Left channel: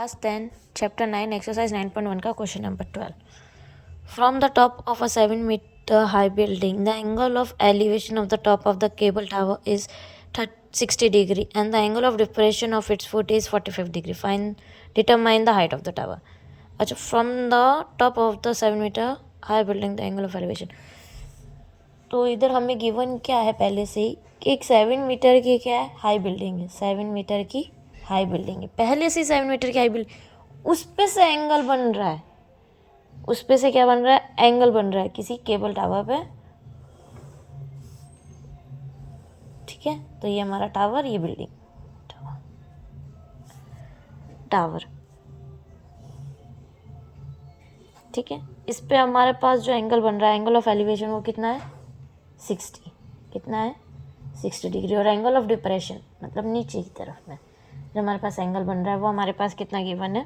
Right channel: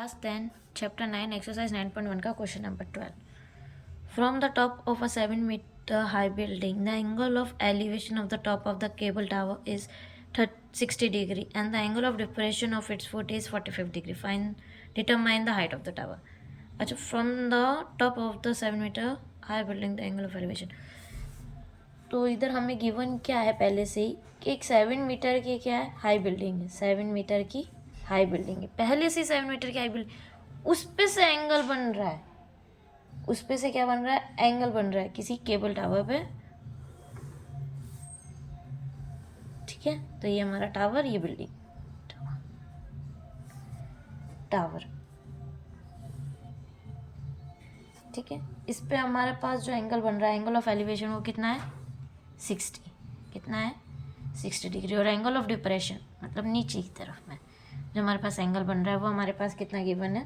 Class 10, Chapter 9, Exercise 9.1 का question number 12. From the top of a 7-meter high building, the angle of elevation of the top of the cable tower is 60 degree and the angle of depression of its foot is 45 degree. Determine the height of the tower. अच्छा, from the top of the 7-meter high building, the angle of elevation. तो इधर हमें given क्या है पहले से ही कि एक 7 मीटर की क्या है हाई बिल्डिंग है, 7 मीटर की हाई बिल्डिंग है, पहले से 7 मीटर की हाई बिल्डिंग, उस पे से एंगल बन रहा है, उस पे से क्या बन रहा है, एंगल बन रहा है किसी केबल टावर पे, ठीक है। तो ये हमारा टावर, ये बिल्डिंग टावर, ठीक है। इस पे हमारे पास जो एंगल बन रहा है, एंगल ऑफ एलिवेशन, वो कितना है 60, कितना है 60 डिग्री। और एंगल ऑफ डिप्रेशन मतलब नीचे की तरफ में जो हमारे पास एंगल बन रहा है वो हमारे पास कितना गिवन है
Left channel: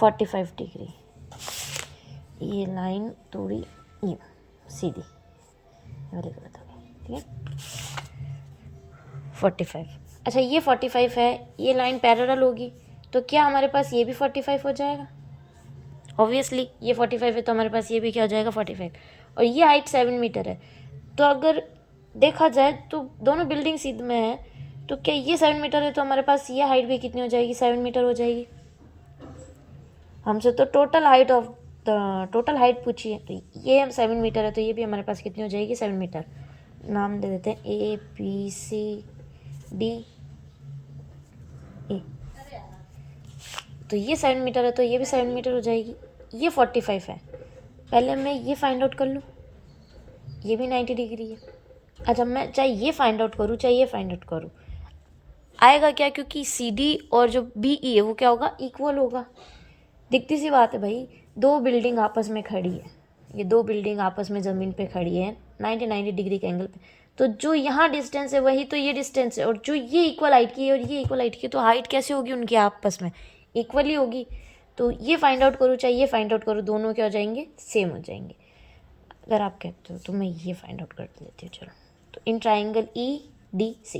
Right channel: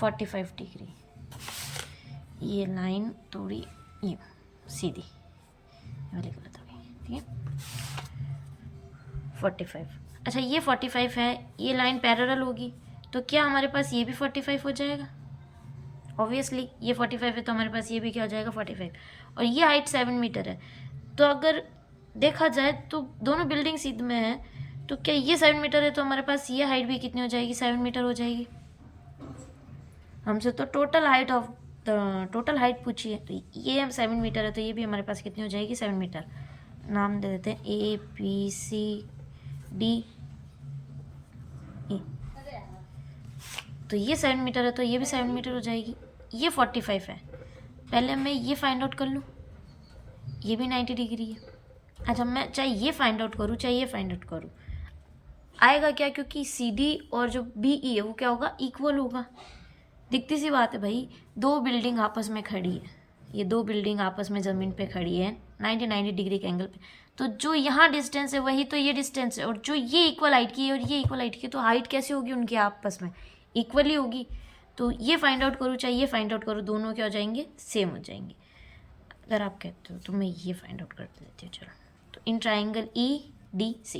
45 डिग्री। ये लाइन थोड़ी यूँ सीधी वाली गलत हो गई, ठीक है 45। अच्छा, ये 45 है, ये लाइन पैरेलल होगी तो क्या हमारे पास ये भी 45 हो जाएगा, ऑब्वियसली ये 45 है तो हमारे पास ये भी क्या हो जाएगा 45। और ये हाइट 7 मीटर है, तो अगर देखा जाए तो दोनों बिल्डिंग सीध में है, तो क्या ये 7 मीटर है तो हमारे पास ये हाइट भी कितनी हो जाएगी 7 मीटर हो जाएगी। हमसे तो टोटल हाइट पूछी है, तो ये 7 मीटर है तो ये भी हमारे पास कितनी हो जाएगी 7 मीटर। नाम दे देते हैं ABCD ए। तो ये 7 मीटर है तो ये भी 7 मीटर हो जाएगी। ये 45 है, पहले मैं ये फाइंड आउट कर लूँ, ये भी 90 डिग्री है। अच्छा, मैं चाहे ये फाइंड आउट करूँ चाहे ये फाइंड आउट करूँ, आएगा क्या, क्योंकि CD और जो BE है वो क्या होगा, इक्वल होगा। दिखती सी बात है भाई, दो बिल्डिंग आपस में खड़ी है, ये दो बिल्डिंग आपस में ज़मीन पे खड़ी है 90 डिग्री के एंगल पे, तो जो यहाँ डिस्टेंस है वही तो ये डिस्टेंस है, और जो ये इक्वल हाइट की है और ये इक्वल हाइट की है, तो हाइट कैसे होगी उनकी आपस में, इक्वल ही होगी। तो ये फाइंड आउट करूँ चाहे ये फाइंड आउट करूँ, दोनों क्या हो जाएंगे, सेम हो जाएंगे। अगर आप कहते हो तो मैं ये फाइंड आउट कर लेती हूँ। चलो, तो in triangle EDC,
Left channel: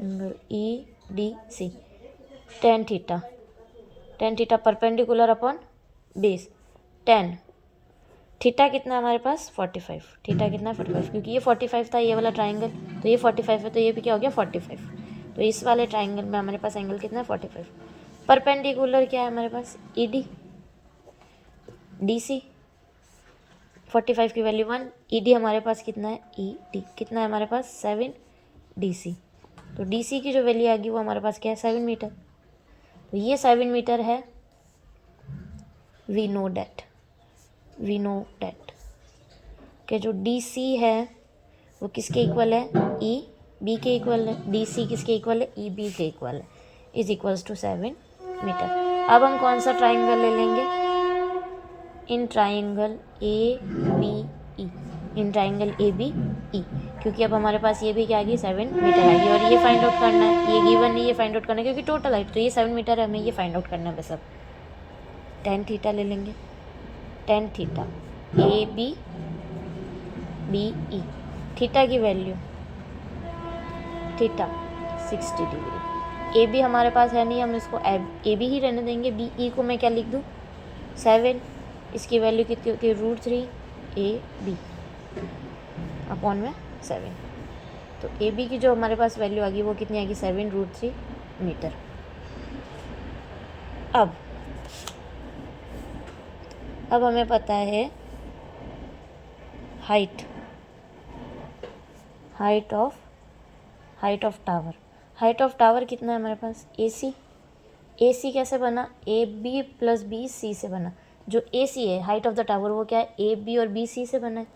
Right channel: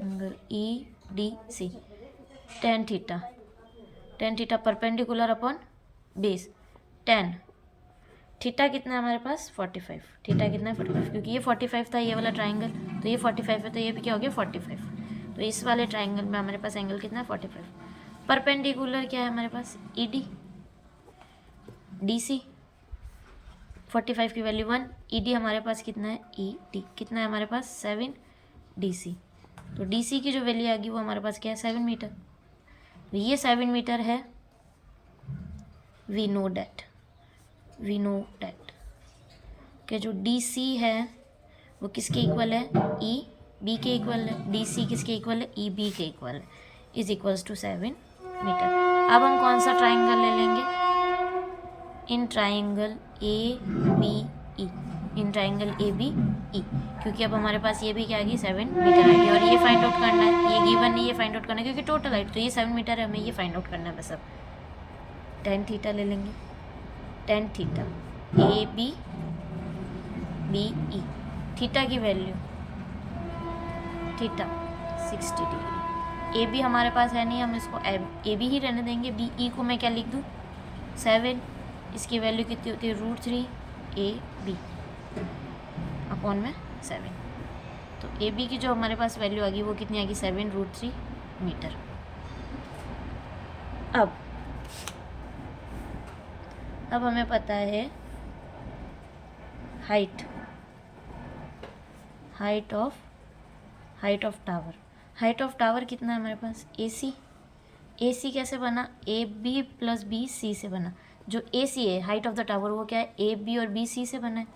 angle EDC, tan theta perpendicular upon base, tan theta कितना है हमारे पास 45, थीटा कितना है 45, क्योंकि ये 45 था ये वाला ट्राइंगल, तो ये 45 है तो ये भी क्या हो गया 45। तो इस वाले ट्राइंगल में हमारे पास एंगल कितना है 45। परपेंडिकुलर क्या है हमारे पास ED DC, 45 की वैल्यू 1, ED हमारे पास कितना है ED कितना है हमारे पास 7 DC, तो DC की जो वैल्यू आएगी वो हमारे पास क्या है 7 मीटर। तो ये 7 मीटर है, वी नो डैट कि जो DC है वो किसके इक्वल है, EB के इक्वल है, DC किसके इक्वल है, EB के इक्वल है, इज इक्वल्स टू 7 मीटर। अब हम कौन सा ट्राइंगल ले लेंगे, in triangle ABE, in triangle ABE, क्योंकि अब हमारे पास ये भी क्या आ गई 7 मीटर आएगी, और ये फाइंड आउट करना है, ये गिवन नहीं, ये फाइंड आउट करना है क्योंकि टोटल हाइट तो ये 7 मीटर है, हमें ये फाइंड आउट करना है बस। अब tan थीटा ले लेंगे, tan थीटा ABBE, थीटा की वैल्यू थीटा 60 डिग्री। AB हमारे पास है नहीं, हम इसको AB ही रहने देंगे। BE को मैं क्या लिख दूँ 7, इसकी वैल्यू कितनी होती है √3 AB अपॉन में 7, तो AB की जो हमारे पास वैल्यू आ गई वो कितनी आ गई 7√3 मीटर। अब हमें पता है हाइट ऑफ टावर कितना है हमारे पास AC कैसे बना, AB + BC से बना। जो AC है हाइट ऑफ द टावर वो क्या है AB और BC से बना है।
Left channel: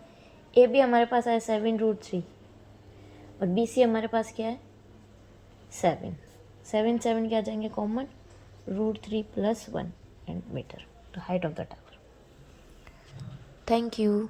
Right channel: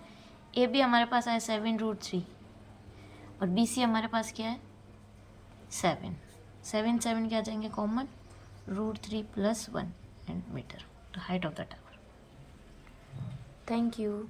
AB हमारे पास आया 7√3 और BC हमारे पास क्या है 7 क्या आ जाएंगे कॉमन, √3 + 1 मीटर, तो height of the tower. Thank you.